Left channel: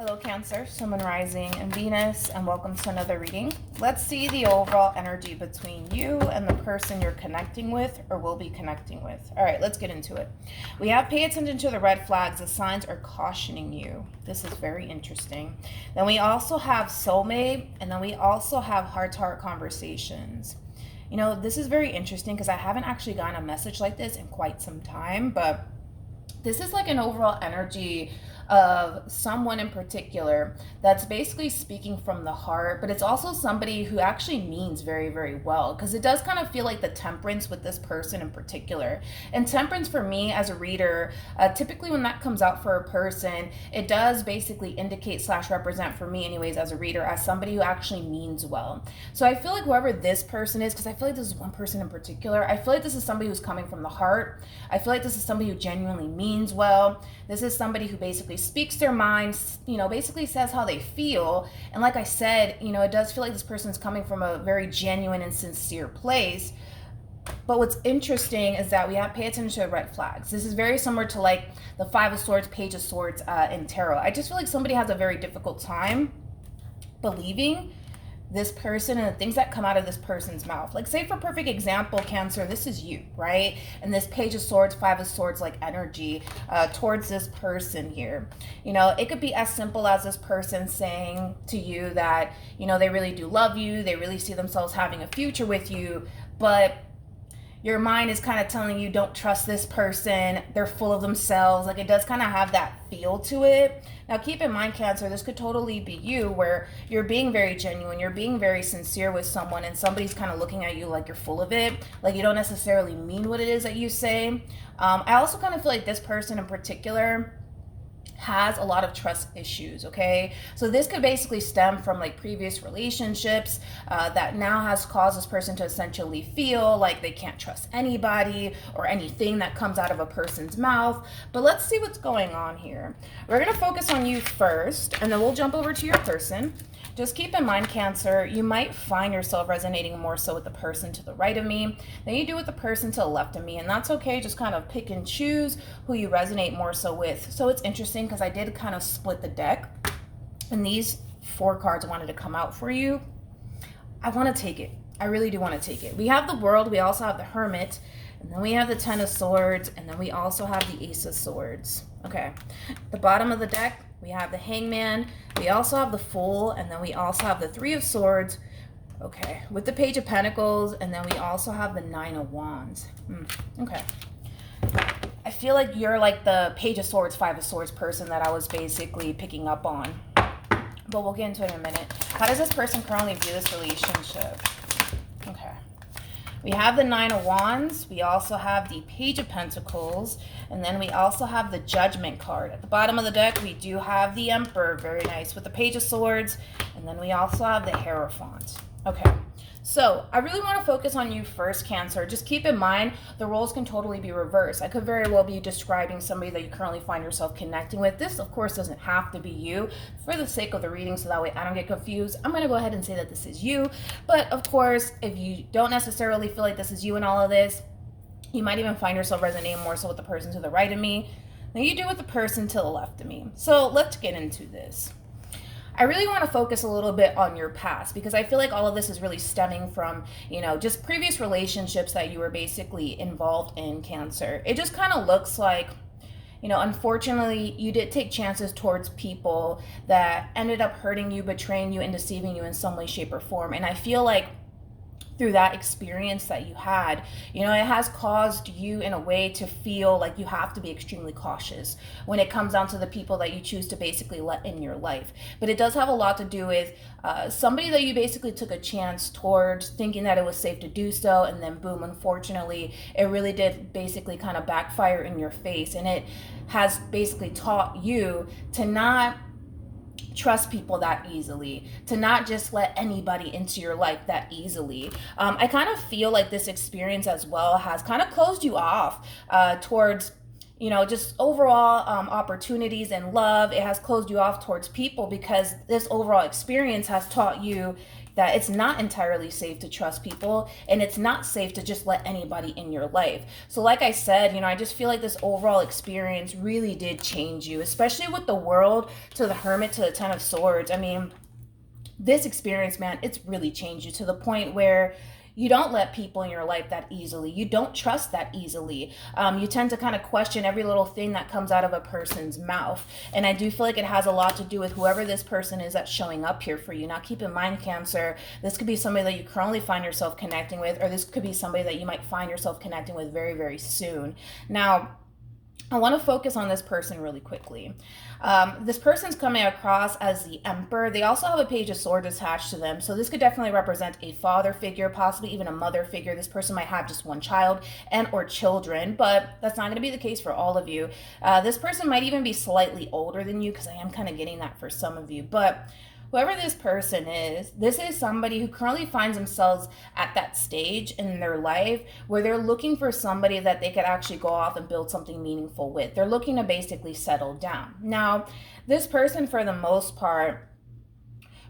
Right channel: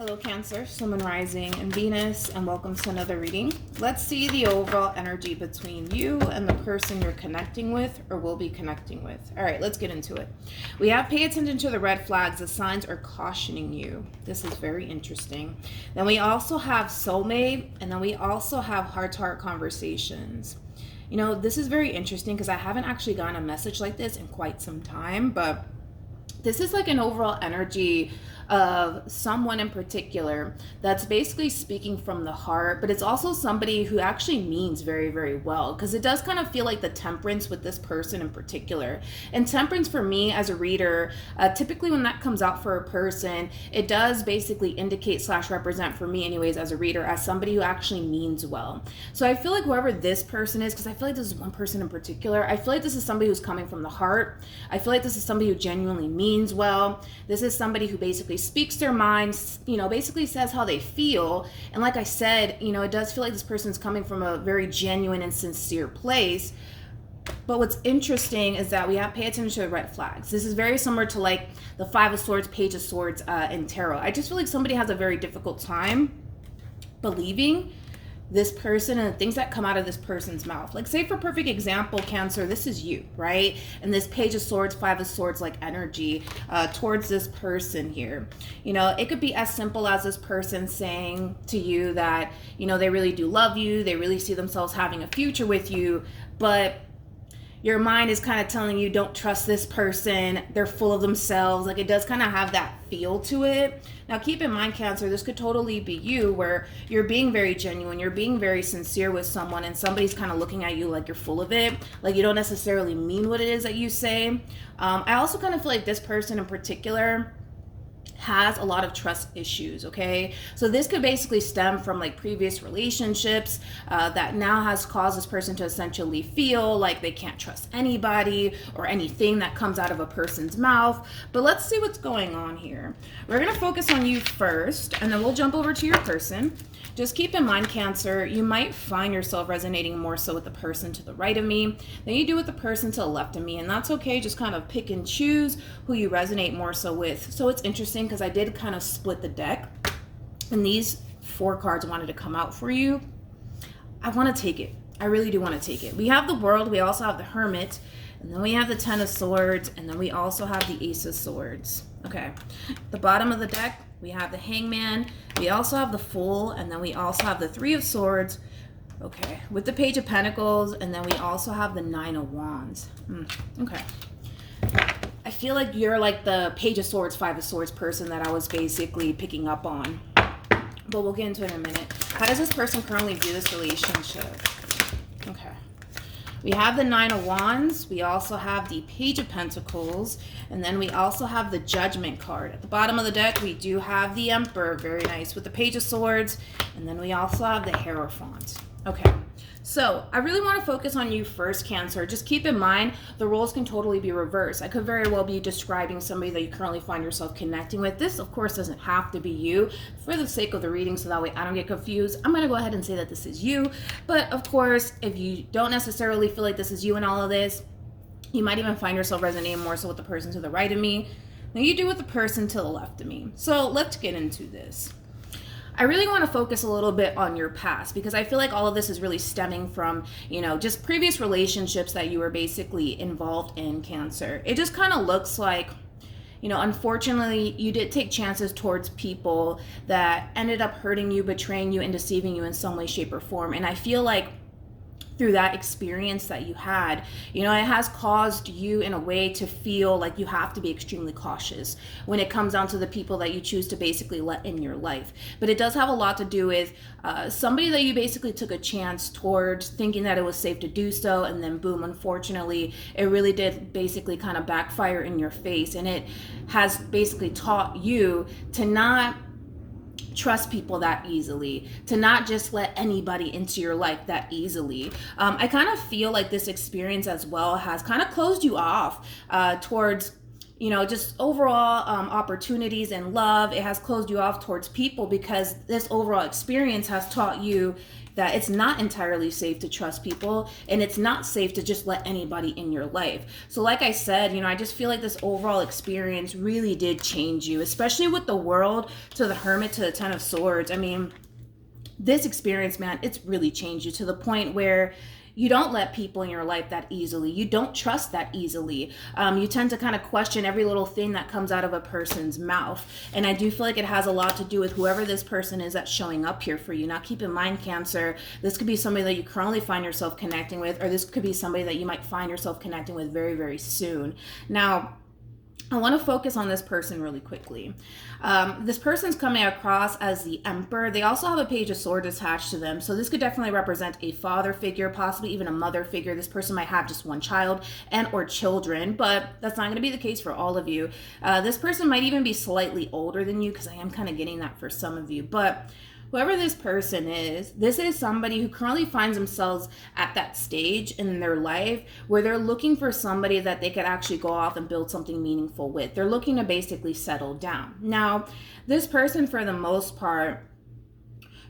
Hello Cancer, Sun, Moon, Rising, and Venus, and welcome to another reading. Let's see the overall energy between you and the person you're connecting with or will be connecting with. All right, let's get into it. We have pay attention to the red flags. The signs are cautioning you. This is very interesting. Then we also have soulmate, and then we also have heart-to-heart conversations. You know, this is very interesting because I haven't actually gotten a message like this in quite some time, but this is like an overall energy of someone in particular that's basically speaking from the heart, but it's also somebody who actually means very, very well, because it does kind of feel like the temperance with this person in particular. And temperance for me as a reader, typically when that comes out for a person, it does basically indicate / represent for me anyways as a reader as somebody who actually means well. So I feel like whoever this person is, because I feel like this is one person in particular, I feel like this is somebody who's coming from the heart. I feel like this is somebody who genuinely means well. This is somebody who basically speaks their mind, basically says how they feel. And like I said, it does feel like this person's coming from a very genuine and sincere place. But what's interesting is that we have to pay attention to the red flags. This is very similar to like the Five of Swords, Page of Swords in Tarot. I just feel like somebody has a very difficult time believing this person and the things that come out of this person's mouth. Like, say for perfect example, Cancer, this is you, right? And this Page of Swords, Five of Swords like energy towards this person here. It could be as simple as this person saying to you that, they really do love you, they really see themselves having a future with you, but your mind is kind of telling you don't trust this person, they're full of themselves. Like, it does kind of have that feel to it. Now keep in mind, Cancer, this could totally be you, where you're being very genuine, you're being very sincere with someone, and somebody's kind of looking at you like you're full of it, like you don't necessarily mean what it is that you say. I also kind of feel like this person in particular has a lot of trust issues, okay? So this could basically stem from like previous relationships that now has caused this person to essentially feel like they can't trust anybody or anything that comes out of a person's mouth. But let's see what's going on here. We're gonna focus on you first, and then we'll jump over to your person. Just keep in mind, Cancer, you might find yourself resonating more so with the person to the right of me than you do with the person to the left of me, and that's okay. Just kind of pick and choose who you resonate more so with. So it's interesting because I did kind of split the deck, and these 4 cards wanted to come out for you. I want to take it. I really do want to take it. We have the World, we also have the Hermit, and then we have the Ten of Swords, and then we also have the Ace of Swords. Okay, the bottom of the deck, we have the Hangman, we also have the Fool, and then we also have the Three of Swords, okay, with the Page of Pentacles, and then we also have the Nine of Wands. Okay. I feel like you're like the Page of Swords, Five of Swords person that I was basically picking up on. But we'll get into it in a minute. How does this person currently view this relationship? Okay. We have the Nine of Wands. We also have the Page of Pentacles. And then we also have the Judgment card. At the bottom of the deck, we do have the Emperor. Very nice. With the Page of Swords. And then we also have the Hierophant. Okay. So I really want to focus on you first, Cancer. Just keep in mind, the roles can totally be reversed. I could very well be describing somebody that you currently find yourself connecting with. This, of course, doesn't have to be you. For the sake of the reading, so that way I don't get confused, I'm going to go ahead and say that this is you. But, of course, if you don't necessarily feel like this is you in all of this, you might even find yourself resonating more so with the person to the right of me than you do with the person to the left of me. So let's get into this. I really want to focus a little bit on your past, because I feel like all of this is really stemming from, just previous relationships that you were basically involved in, Cancer. It just kind of looks like, unfortunately, you did take chances towards people that ended up hurting you, betraying you, and deceiving you in some way, shape, or form. And I feel like through that experience that you had, it has caused you in a way to feel like you have to be extremely cautious when it comes down to the people that you choose to basically let in your life. But it does have a lot to do with somebody that you basically took a chance towards, thinking that it was safe to do so, and then boom, unfortunately, it really did basically kind of backfire in your face. And it has basically taught you to not trust people that easily, to not just let anybody into your life that easily. I kind of feel like this experience as well has kind of closed you off towards just overall opportunities and love. It has closed you off towards people, because this overall experience has taught you, that it's not entirely safe to trust people, and it's not safe to just let anybody in your life. So like I said, I just feel like this overall experience really did change you, especially with the World to the Hermit to the Ten of Swords. I mean, this experience, man, it's really changed you to the point where you don't let people in your life that easily. You don't trust that easily. You tend to kind of question every little thing that comes out of a person's mouth. And I do feel like it has a lot to do with whoever this person is that's showing up here for you. Now, keep in mind, Cancer, this could be somebody that you currently find yourself connecting with, or this could be somebody that you might find yourself connecting with very, very soon. Now, I want to focus on this person really quickly. This person's coming across as the Emperor. They also have a Page of Swords attached to them. So this could definitely represent a father figure, possibly even a mother figure. This person might have just one child and or children, but that's not going to be the case for all of you. This person might even be slightly older than you, because I am kind of getting that for some of you. But whoever this person is, this is somebody who currently finds themselves at that stage in their life where they're looking for somebody that they could actually go off and build something meaningful with. They're looking to basically settle down. Now, this person, for the most part,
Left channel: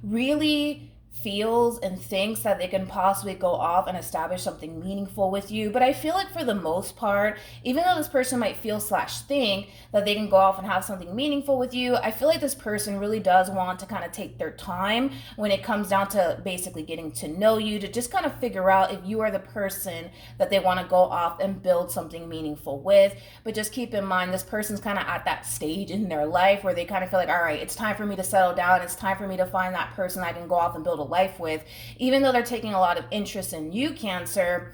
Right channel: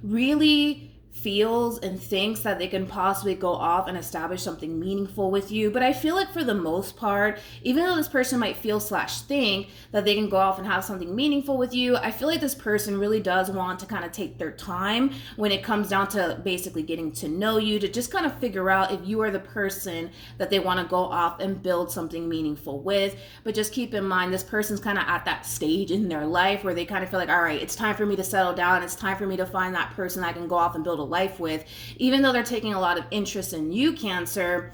really feels and thinks that they can possibly go off and establish something meaningful with you. But I feel like for the most part, even though this person might feel / think that they can go off and have something meaningful with you, I feel like this person really does want to kind of take their time when it comes down to basically getting to know you, to just kind of figure out if you are the person that they want to go off and build something meaningful with. But just keep in mind, this person's kind of at that stage in their life where they kind of feel like, all right, it's time for me to settle down. It's time for me to find that person I can go off and build a life with. Even though they're taking a lot of interest in you, Cancer,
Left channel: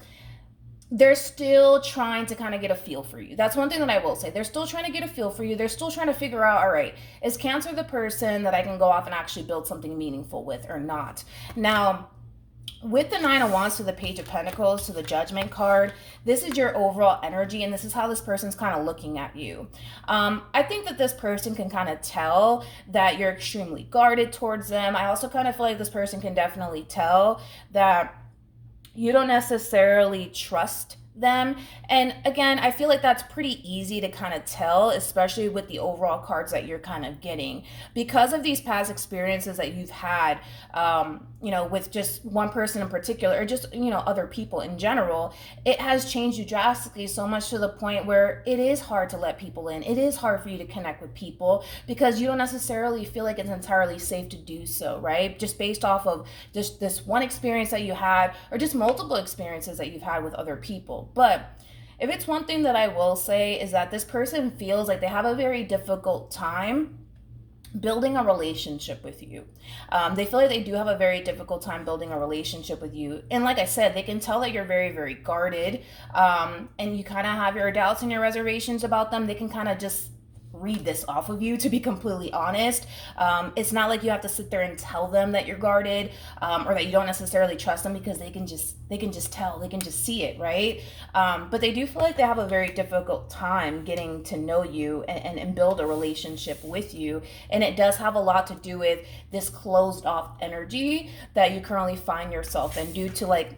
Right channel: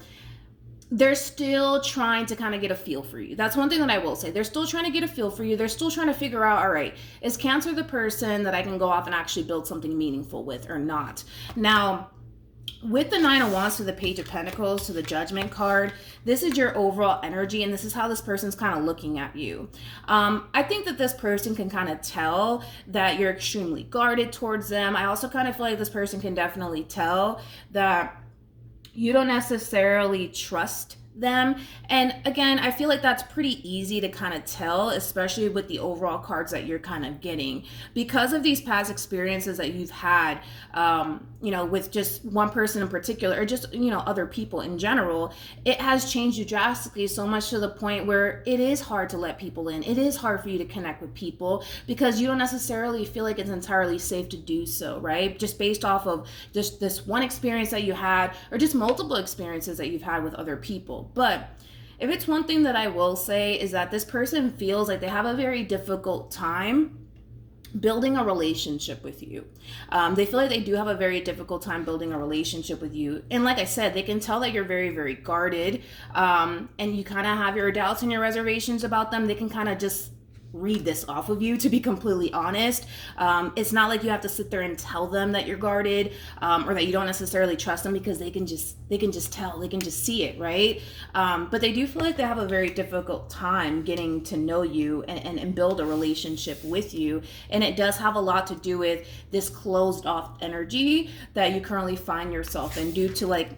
they're still trying to kind of get a feel for you. That's one thing that I will say. They're still trying to get a feel for you. They're still trying to figure out, all right, is Cancer the person that I can go off and actually build something meaningful with or not? Now, with the Nine of Wands to the Page of Pentacles to the Judgment card, this is your overall energy, and this is how this person's kind of looking at you. I think that this person can kind of tell that you're extremely guarded towards them. I also kind of feel like this person can definitely tell that you don't necessarily trust them. And again, I feel like that's pretty easy to kind of tell, especially with the overall cards that you're kind of getting, because of these past experiences that you've had, with just one person in particular, or just, other people in general. It has changed you drastically, so much to the point where it is hard to let people in. It is hard for you to connect with people because you don't necessarily feel like it's entirely safe to do so, right? Just based off of just this one experience that you had, or just multiple experiences that you've had with other people. But if it's one thing that I will say, is that this person feels like they have a very difficult time building a relationship with you. They feel like they do have a very difficult time building a relationship with you. And like I said, they can tell that you're very, very guarded, and you kind of have your doubts and your reservations about them. They can kind of just read this off of you, to be completely honest. It's not like you have to sit there and tell them that you're guarded, or that you don't necessarily trust them, because they can just tell, they can just see it, right? But they do feel like they have a very difficult time getting to know you and build a relationship with you. And it does have a lot to do with this closed off energy that you currently find yourself in, due to like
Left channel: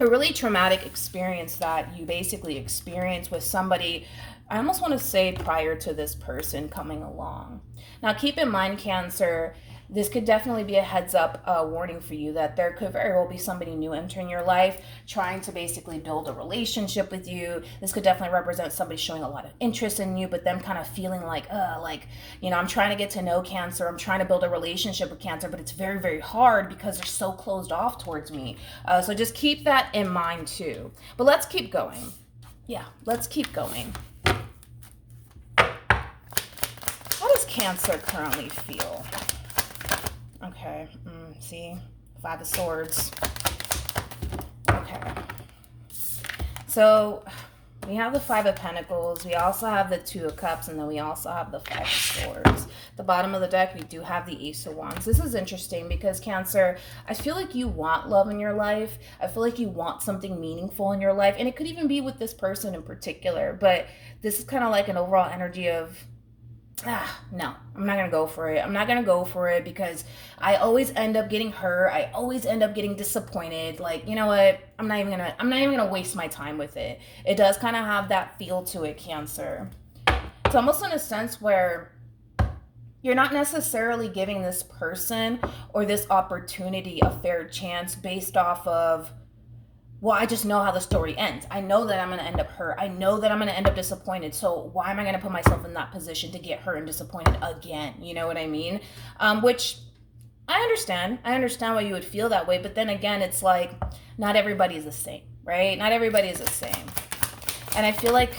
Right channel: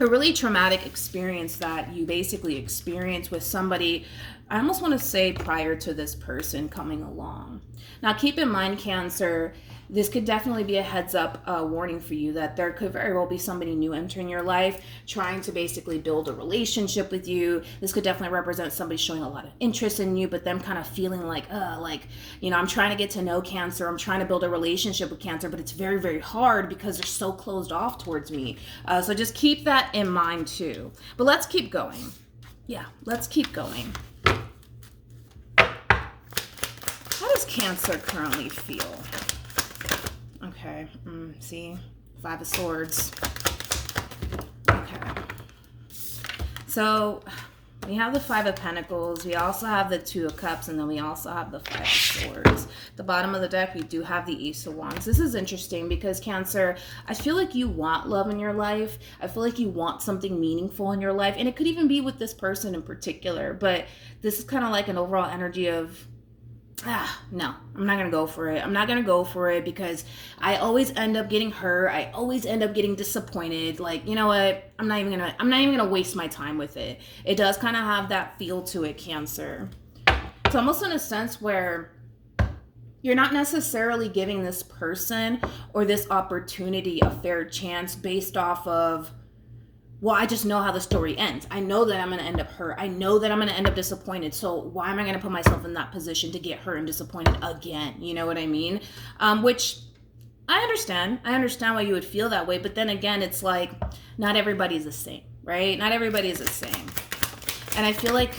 a really traumatic experience that you basically experienced with somebody, I almost want to say prior to this person coming along. Now, keep in mind, Cancer, this could definitely be a heads up warning for you that there could very well be somebody new entering your life, trying to basically build a relationship with you. This could definitely represent somebody showing a lot of interest in you, but them kind of feeling like, I'm trying to get to know Cancer. I'm trying to build a relationship with Cancer, but it's very, very hard because they're so closed off towards me. So just keep that in mind too. But let's keep going. Yeah, let's keep going. How does Cancer currently feel? Okay, see, Five of Swords. Okay. So we have the Five of Pentacles, we also have the Two of Cups, and then we also have the Five of Swords. The bottom of the deck, we do have the Ace of Wands. This is interesting because, Cancer, I feel like you want love in your life. I feel like you want something meaningful in your life, and it could even be with this person in particular, but this is kind of like an overall energy of, no, I'm not going to go for it. I'm not going to go for it because I always end up getting hurt. I always end up getting disappointed. Like, you know what? I'm not even going to waste my time with it. It does kind of have that feel to it, Cancer. It's almost in a sense where You're not necessarily giving this person or this opportunity a fair chance based off of, well, I just know how the story ends. I know that I'm going to end up hurt. I know that I'm going to end up disappointed. So why am I going to put myself in that position to get hurt and disappointed again? You know what I mean? Which I understand. I understand why you would feel that way. But then again, it's like, not everybody's the same, right? Not everybody is the same. And I feel like,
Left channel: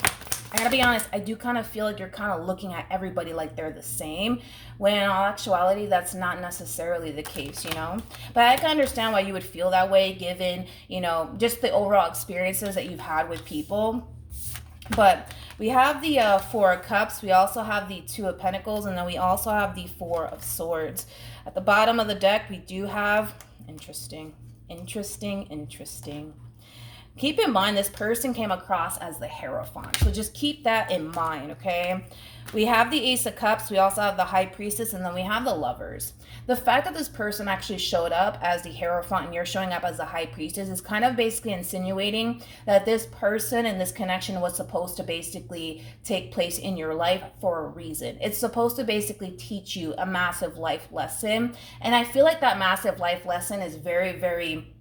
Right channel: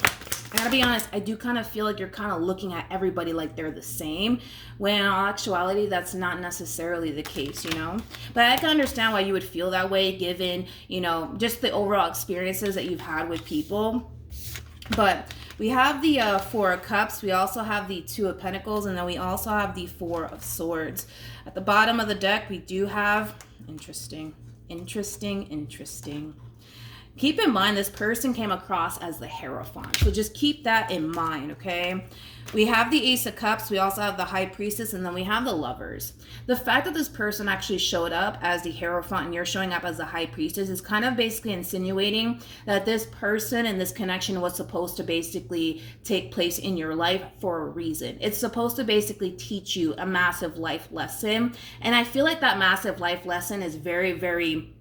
I gotta be honest, I do kind of feel like you're kind of looking at everybody like they're the same, when in all actuality, that's not necessarily the case, you know? But I can understand why you would feel that way given, you know, just the overall experiences that you've had with people. But we have the Four of Cups, we also have the Two of Pentacles, and then we also have the Four of Swords. At the bottom of the deck, we do have, interesting. Keep in mind, this person came across as the Hierophant. So just keep that in mind, okay? We have the Ace of Cups. We also have the High Priestess. And then we have the Lovers. The fact that this person actually showed up as the Hierophant and you're showing up as the High Priestess is kind of basically insinuating that this person and this connection was supposed to basically take place in your life for a reason. It's supposed to basically teach you a massive life lesson. And I feel like that massive life lesson is very, very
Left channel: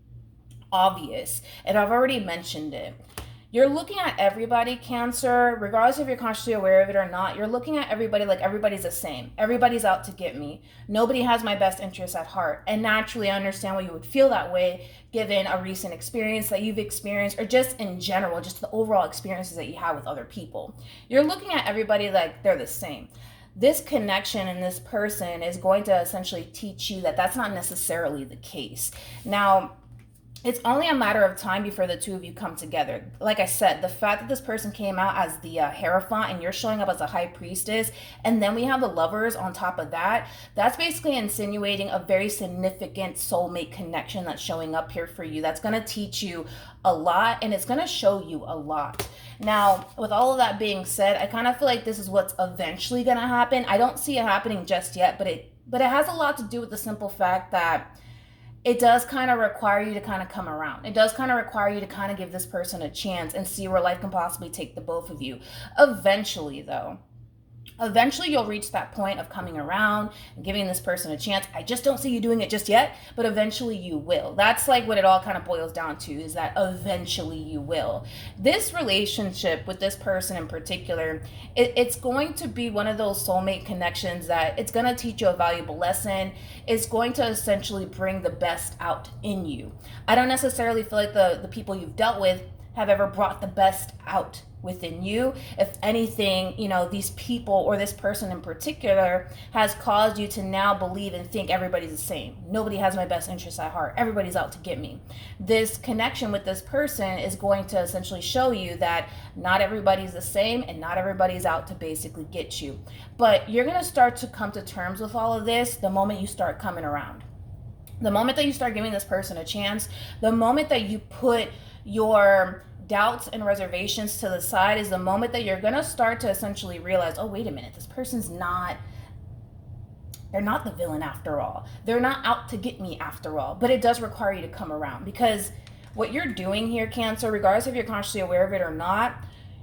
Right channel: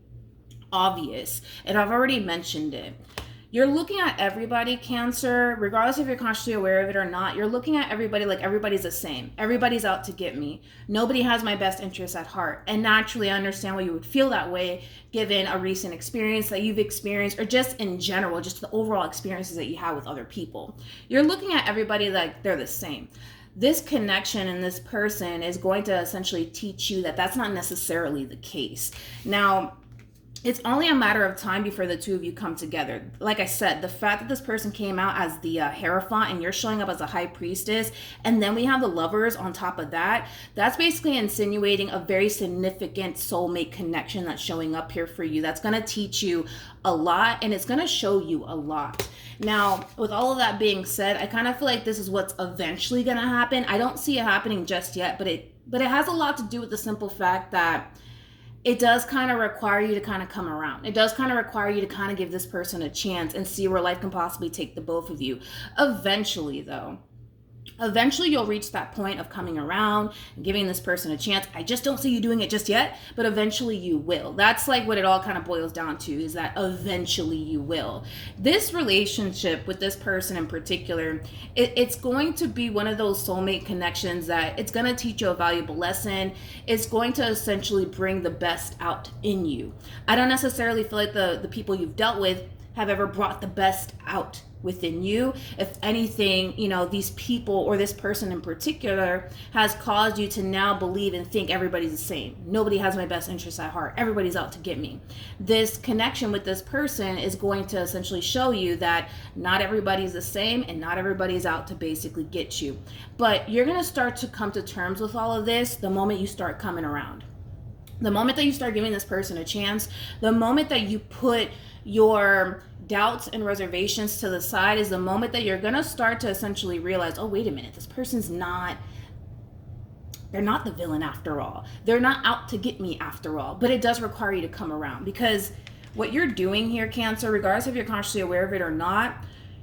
obvious, and I've already mentioned it. You're looking at everybody, Cancer, regardless if you're consciously aware of it or not. You're looking at everybody like everybody's the same. Everybody's out to get me. Nobody has my best interests at heart. And naturally, I understand why you would feel that way given a recent experience that you've experienced, or just in general, just the overall experiences that you have with other people. You're looking at everybody like they're the same. This connection and this person is going to essentially teach you that that's not necessarily the case. Now, it's only a matter of time before the two of you come together. Like I said, the fact that this person came out as the Hierophant and you're showing up as a High Priestess, and then we have the Lovers on top of that, that's basically insinuating a very significant soulmate connection that's showing up here for you. That's going to teach you a lot, and it's going to show you a lot. Now, with all of that being said, I kind of feel like this is what's eventually going to happen. I don't see it happening just yet, but it has a lot to do with the simple fact that it does kind of require you to kind of come around. It does kind of require you to kind of give this person a chance and see where life can possibly take the both of you. Eventually, though, you'll reach that point of coming around and giving this person a chance. I just don't see you doing it just yet, but eventually you will. That's like what it all kind of boils down to, is that eventually you will. This relationship with this person in particular, it's going to be one of those soulmate connections that it's going to teach you a valuable lesson. It's going to essentially bring the best out in you. I don't necessarily feel like the people you've dealt with have ever brought the best out within you. If anything, you know, these people or this person in particular has caused you to now believe and think everybody's the same. Nobody has my best interests at heart. Everybody's out to get me. This connection with this person is going to essentially show you that not everybody's the same and not everybody's out to basically get you. But you're going to start to come to terms with all of this the moment you start coming around. The moment that you start giving this person a chance, the moment that you put your doubts and reservations to the side, is the moment that you're going to start to essentially realize, oh, wait a minute, this person's not, they're not the villain after all. They're not out to get me after all. But it does require you to come around, because what you're doing here, Cancer, regardless if you're consciously aware of it or not,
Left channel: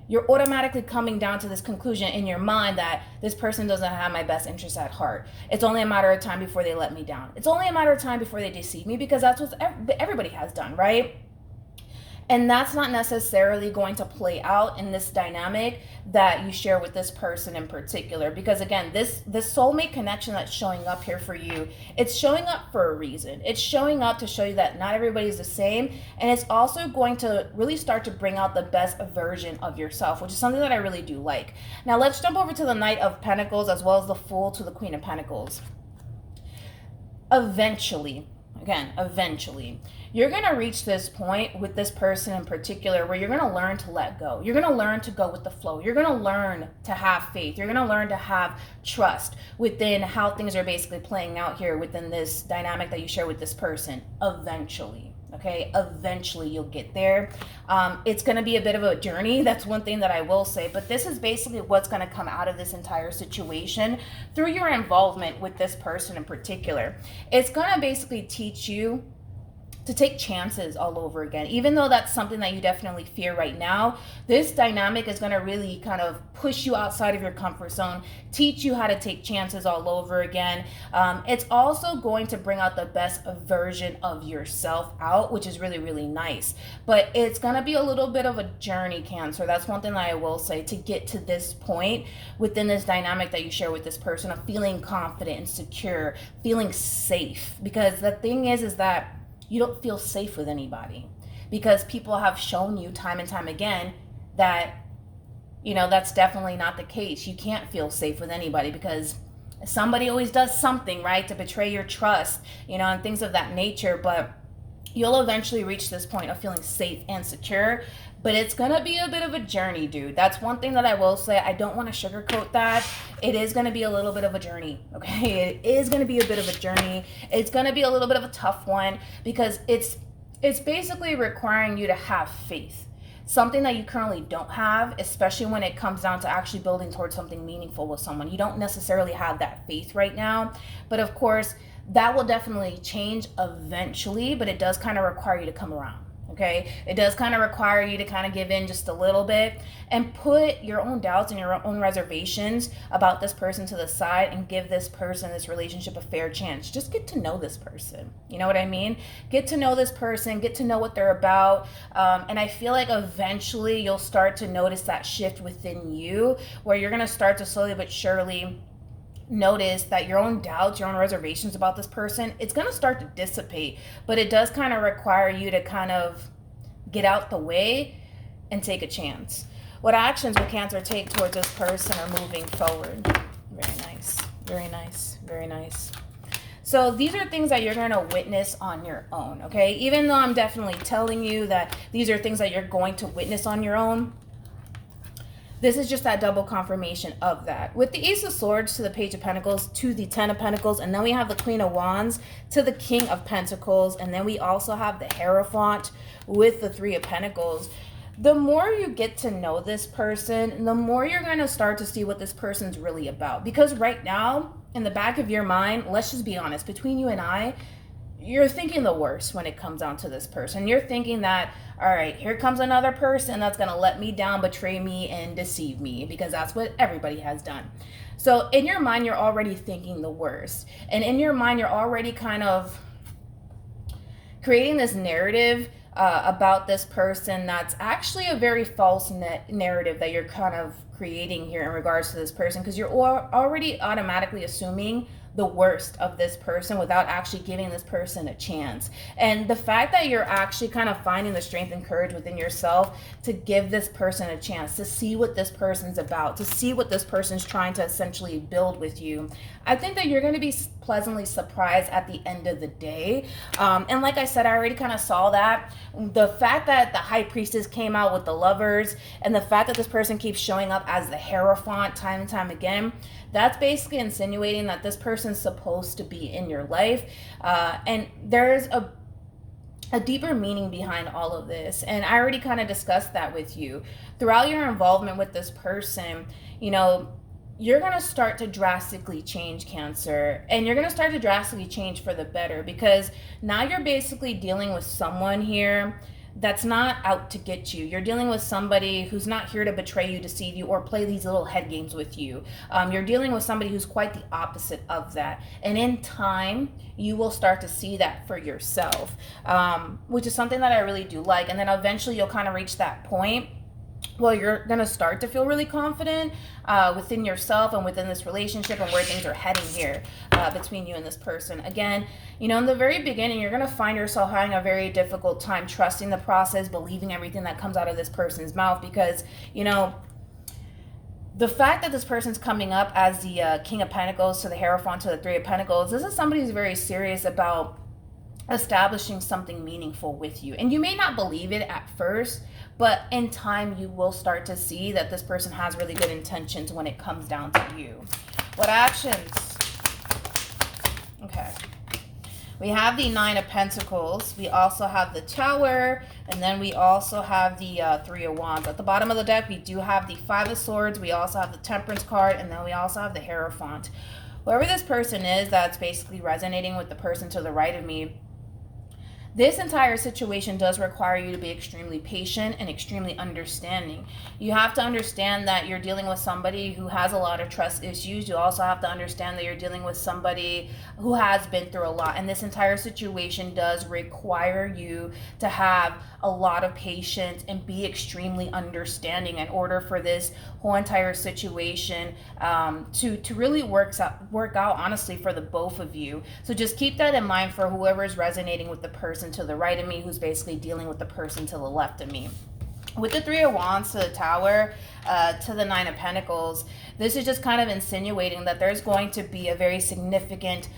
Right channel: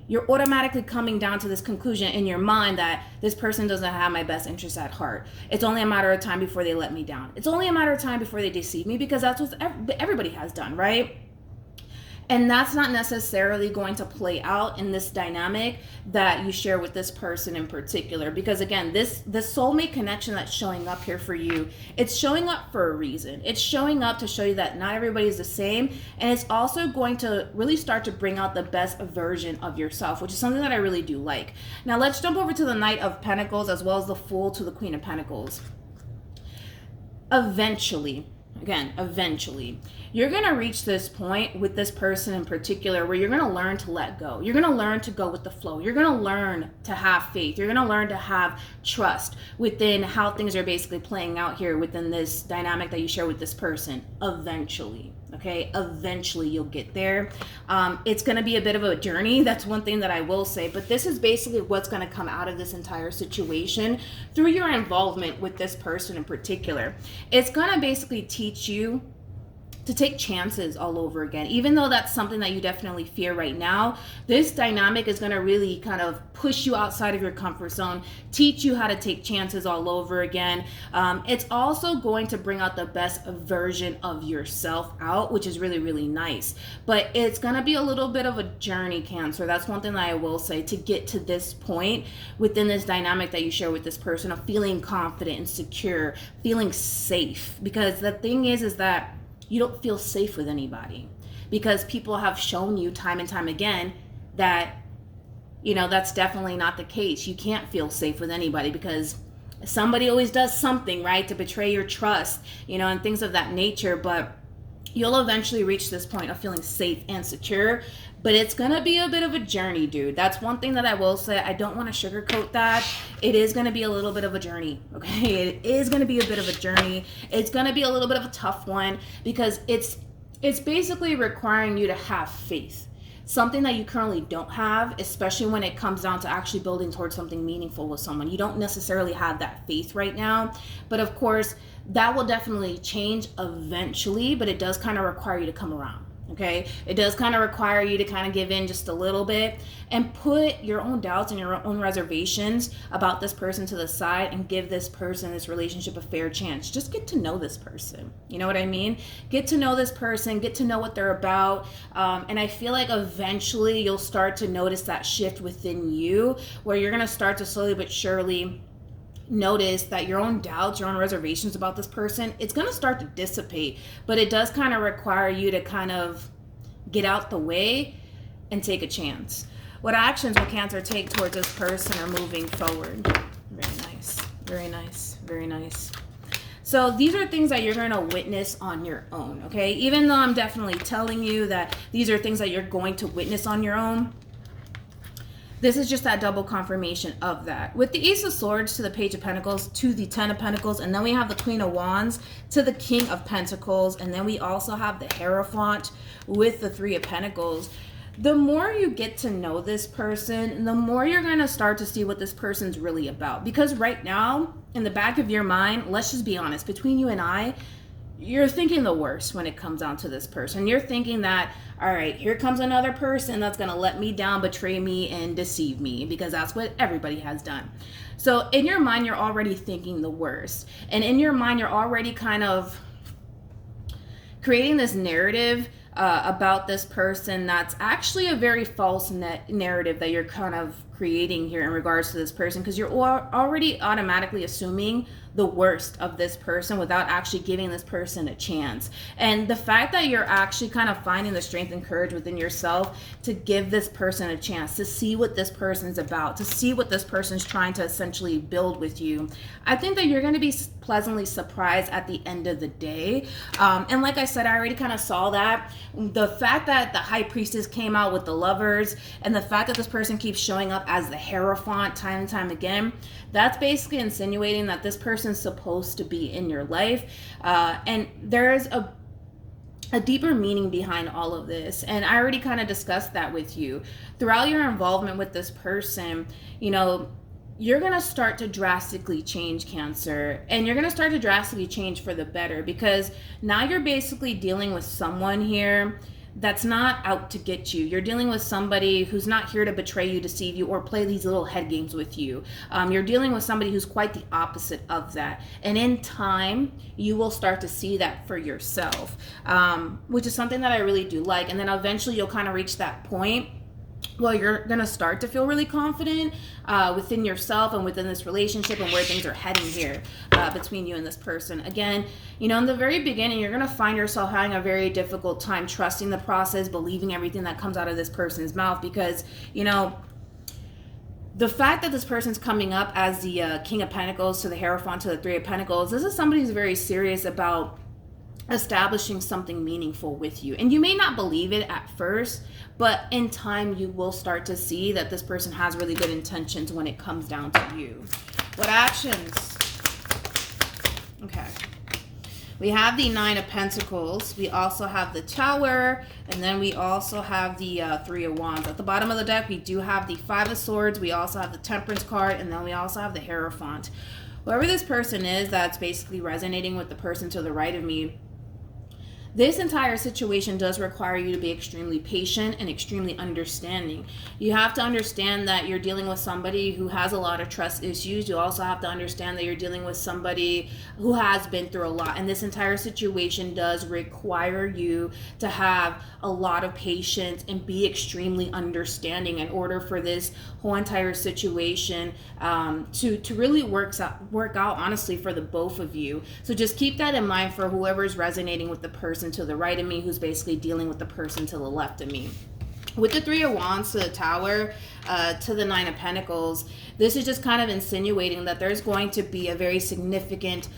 you're automatically coming down to this conclusion in your mind that this person doesn't have my best interests at heart. It's only a matter of time before they let me down. It's only a matter of time before they deceive me, because that's what everybody has done, right? And that's not necessarily going to play out in this dynamic that you share with this person in particular. Because again, this soulmate connection that's showing up here for you, it's showing up for a reason. It's showing up to show you that not everybody's the same. And it's also going to really start to bring out the best version of yourself, which is something that I really do like. Now let's jump over to the Knight of Pentacles as well as the Fool to the Queen of Pentacles. Eventually, you're going to reach this point with this person in particular where you're going to learn to let go. You're going to learn to go with the flow. You're going to learn to have faith. You're going to learn to have trust within how things are basically playing out here within this dynamic that you share with this person. Eventually, okay? Eventually you'll get there. It's going to be a bit of a journey. That's one thing that I will say. But this is basically what's going to come out of this entire situation through your involvement with this person in particular. It's going to basically teach you to take chances all over again. Even though that's something that you definitely fear right now, this dynamic is going to really kind of push you outside of your comfort zone, teach you how to take chances all over again. It's also going to bring out the best version of yourself out, which is really, really nice. But it's going to be a little bit of a journey, Cancer. That's one thing that I will say, to get to this point within this dynamic that you share with this person of feeling confident and secure, feeling safe. Because the thing is that you don't feel safe with anybody, because people have shown you time and time again that, you know, that's definitely not the case. You can't feel safe with anybody because somebody always does something, right, to betray your trust, you know, and things of that nature. But you'll eventually reach this point of feeling safe and secure. But it's going to be a bit of a journey, dude. That's one thing that I will say. I don't want to sugarcoat that. It is going to be a little bit of a journey, okay? It is going to be a bit of a journey. It's going to be a little bit of a tough one, because it's basically requiring you to have faith. Something that you currently don't have, especially when it comes down to actually building towards something meaningful with someone. You don't necessarily have that faith right now. But of course, that will definitely change eventually, but it does kind of require you to come around. Okay, it does kind of require you to kind of give in just a little bit and put your own doubts and your own reservations about this person to the side and give this person, this relationship, a fair chance. Just get to know this person. You know what I mean? Get to know this person, get to know what they're about. And I feel like eventually you'll start to notice that shift within you, where you're going to start to slowly but surely notice that your own doubts, your own reservations about this person, it's going to start to dissipate. But it does kind of require you to kind of get out the way and take a chance. What actions will Cancer take towards this person are moving forward? Very nice, very nice, very nice. So these are things that you're going to witness on your own, okay? Even though I'm definitely telling you that these are things that you're going to witness on your own, this is just that double confirmation of that. With the Ace of Swords to the Page of Pentacles to the Ten of Pentacles, and then we have the Queen of Wands to the King of Pentacles, and then we also have the Hierophant with the Three of Pentacles. The more you get to know this person, the more you're going to start to see what this person's really about. Because right now, in the back of your mind, let's just be honest, between you and I, you're thinking the worst when it comes down to this person. You're thinking that, all right, here comes another person that's going to let me down, betray me, and deceive me, because that's what everybody has done. So in your mind, you're already thinking the worst. And in your mind, you're already kind of creating this narrative about this person that's actually a very false narrative that you're kind of creating here in regards to this person, because you're already automatically assuming the worst of this person without actually giving this person a chance. And the fact that you're actually kind of finding the strength and courage within yourself to give this person a chance, to see what this person's about, to see what this person's trying to essentially build with you, I think that you're going to be pleasantly surprised at the end of the day. And like I said, I already kind of saw that. The fact that the High Priestess came out with the Lovers, and the fact that this person keeps showing up as the Hierophant time and time again, that's basically insinuating that this person's supposed to be in your life. And there's a deeper meaning behind all of this. And I already kind of discussed that with you. Throughout your involvement with this person, you know, you're going to start to drastically change, Cancer, and you're going to start to drastically change for the better, because now you're basically dealing with someone here that's not out to get you. You're dealing with somebody who's not here to betray you, deceive you, or play these little head games with you. You're dealing with somebody who's quite the opposite of that. And in time, you will start to see that for yourself, which is something that I really do like. And then eventually you'll kind of reach that point well, you're going to start to feel really confident within yourself and within this relationship and where things are heading here between you and this person. Again, you know, in the very beginning, you're going to find yourself having a very difficult time trusting the process, believing everything that comes out of this person's mouth, because, you know, the fact that this person's coming up as the King of Pentacles to the Hierophant to the Three of Pentacles, this is somebody who's very serious about establishing something meaningful with you. And you may not believe it at first, but in time you will start to see that this person has really good intentions when it comes down to you. What actions? Okay. We have the Nine of Pentacles. We also have the Tower. And then we also have the Three of Wands. At the bottom of the deck, we do have the Five of Swords. We also have the Temperance card. And then we also have the Hierophant. Whoever this person is that's basically resonating with the person to the right of me, This entire situation does require you to be extremely patient and extremely understanding. You have to understand that you're dealing with somebody who has a lot of trust issues. You also have to understand that you're dealing with somebody who has been through a lot. And this entire situation does require you to have a lot of patience and be extremely understanding in order for this whole entire situation to really work out honestly for the both of you. So just keep that in mind for whoever is resonating with the person to the right of me, who's basically dealing with the person to the left of me. With the Three of Wands to the Tower, to the Nine of Pentacles, this is just kind of insinuating that there's going to be a very significant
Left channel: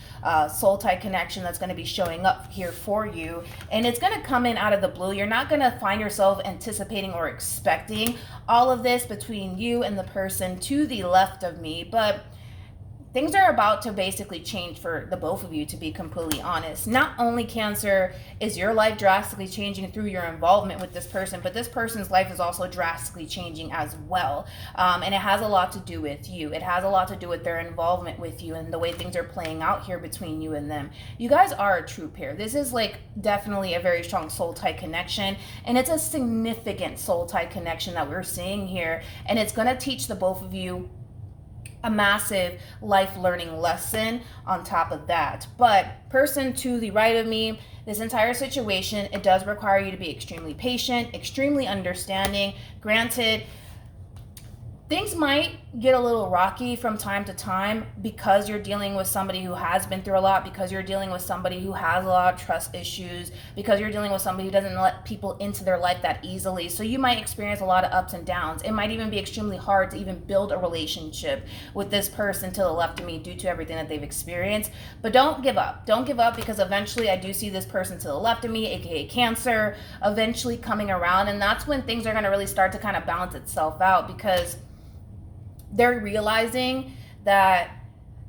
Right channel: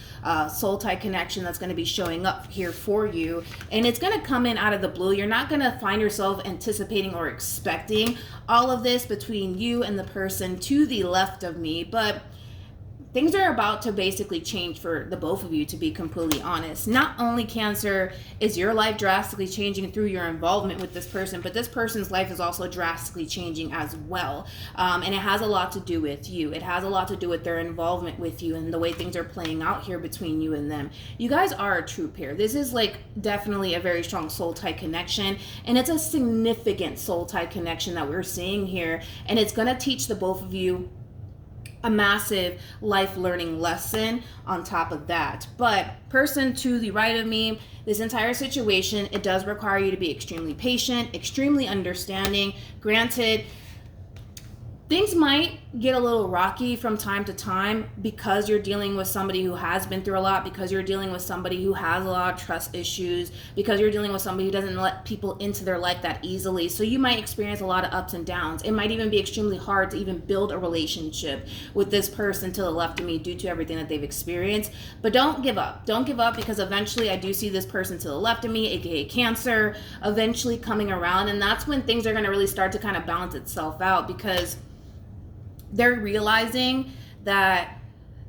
soul tie connection that's going to be showing up here for you. And it's going to come in out of the blue. You're not going to find yourself anticipating or expecting all of this between you and the person to the left of me. But things are about to basically change for the both of you, to be completely honest. Not only, Cancer, is your life drastically changing through your involvement with this person, but this person's life is also drastically changing as well. And it has a lot to do with you. It has a lot to do with their involvement with you and the way things are playing out here between you and them. You guys are a true pair. This is like definitely a very strong soul tie connection, and it's a significant soul tie connection that we're seeing here. And it's going to teach the both of you a massive life learning lesson on top of that. But person to the right of me, this entire situation, it does require you to be extremely patient, extremely understanding. Granted, things might get a little rocky from time to time because you're dealing with somebody who has been through a lot, because you're dealing with somebody who has a lot of trust issues, because you're dealing with somebody who doesn't let people into their life that easily. So you might experience a lot of ups and downs. It might even be extremely hard to even build a relationship with this person to the left of me due to everything that they've experienced. But don't give up. Don't give up, because eventually I do see this person to the left of me, aka Cancer, eventually coming around. And that's when things are going to really start to kind of balance itself out, because they're realizing that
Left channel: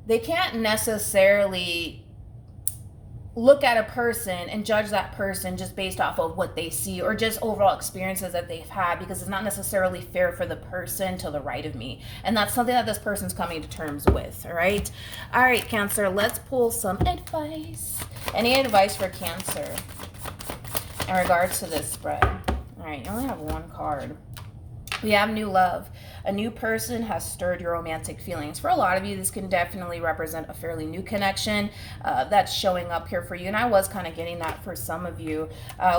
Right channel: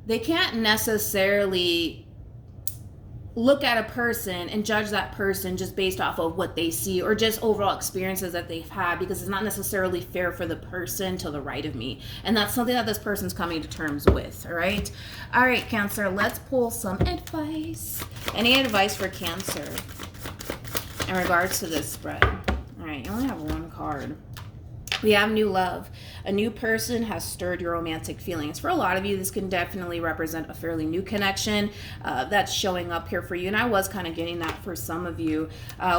they can't necessarily look at a person and judge that person just based off of what they see or just overall experiences that they've had, because it's not necessarily fair for the person to the right of me. And that's something that this person's coming to terms with. All right, Cancer, let's pull some advice. Any advice for Cancer in regards to this spread? All right, you only have one card. We have new love. A new person has stirred your romantic feelings. For a lot of you, this can definitely represent a fairly new connection that's showing up here for you. And I was kind of getting that for some of you.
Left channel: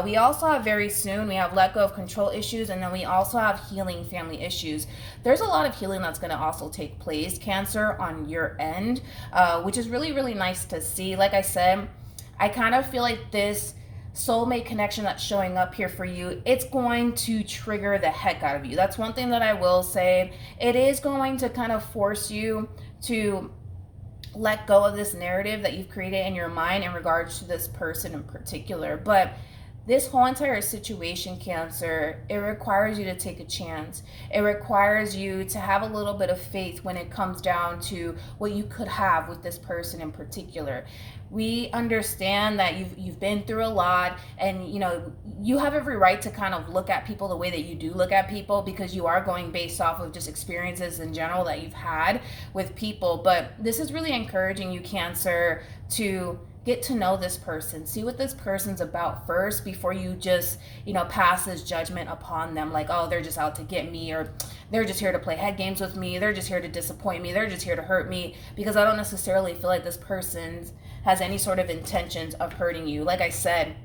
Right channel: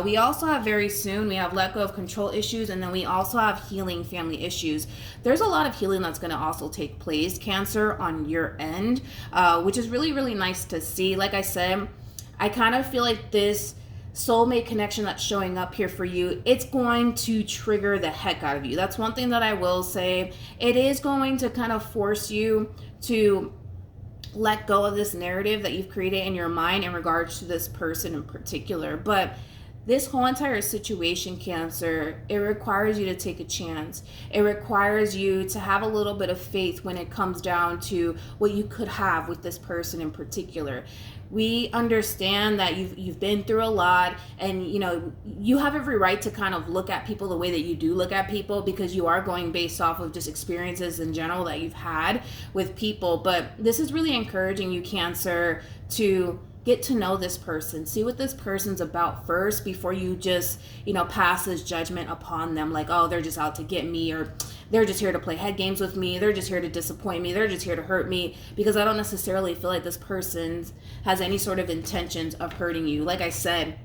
We also have very soon, we have let go of control issues, and then we also have healing family issues. There's a lot of healing that's going to also take place, Cancer, on your end, which is really, really nice to see. Like I said, I kind of feel like this soulmate connection that's showing up here for you, it's going to trigger the heck out of you. That's one thing that I will say. It is going to kind of force you to let go of this narrative that you've created in your mind in regards to this person in particular. But this whole entire situation, Cancer, it requires you to take a chance. It requires you to have a little bit of faith when it comes down to what you could have with this person in particular. We understand that you've been through a lot, and you know you have every right to kind of look at people the way that you do look at people, because you are going based off of just experiences in general that you've had with people. But this is really encouraging you, Cancer, to get to know this person, see what this person's about first before you just, pass this judgment upon them, like, oh, they're just out to get me, or they're just here to play head games with me, they're just here to disappoint me, they're just here to hurt me, because I don't necessarily feel like this person has any sort of intentions of hurting you. Like I said,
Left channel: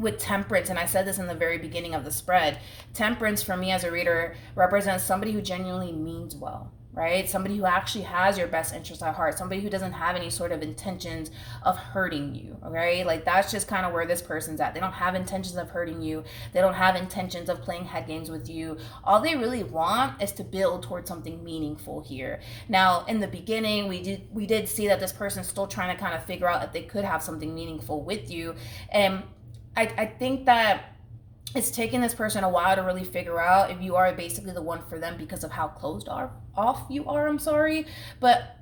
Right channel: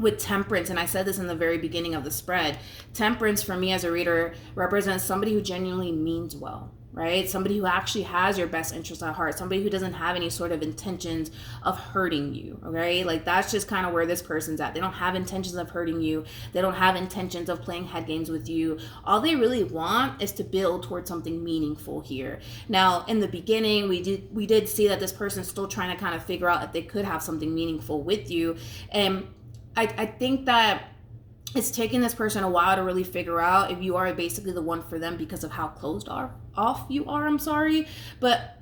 with Temperance, and I said this in the very beginning of the spread, Temperance for me as a reader represents somebody who genuinely means well, right? Somebody who actually has your best interest at heart, somebody who doesn't have any sort of intentions of hurting you, okay? Like that's just kind of where this person's at. They don't have intentions of hurting you. They don't have intentions of playing head games with you. All they really want is to build towards something meaningful here. Now, in the beginning, we did see that this person's still trying to kind of figure out if they could have something meaningful with you. And I think that it's taking this person a while to really figure out if you are basically the one for them because of how closed off you are. I'm sorry. But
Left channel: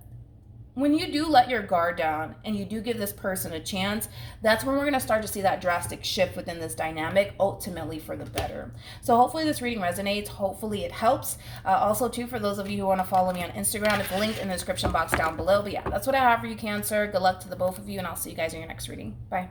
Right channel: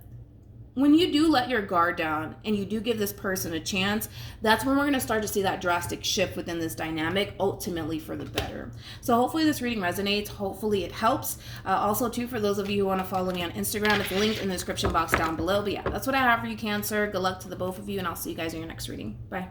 when you do let your guard down and you do give this person a chance, that's when we're going to start to see that drastic shift within this dynamic, ultimately for the better. So hopefully this reading resonates. Hopefully it helps. Also, too, for those of you who want to follow me on Instagram, it's linked in the description box down below. But yeah, that's what I have for you, Cancer. Good luck to the both of you, and I'll see you guys in your next reading. Bye.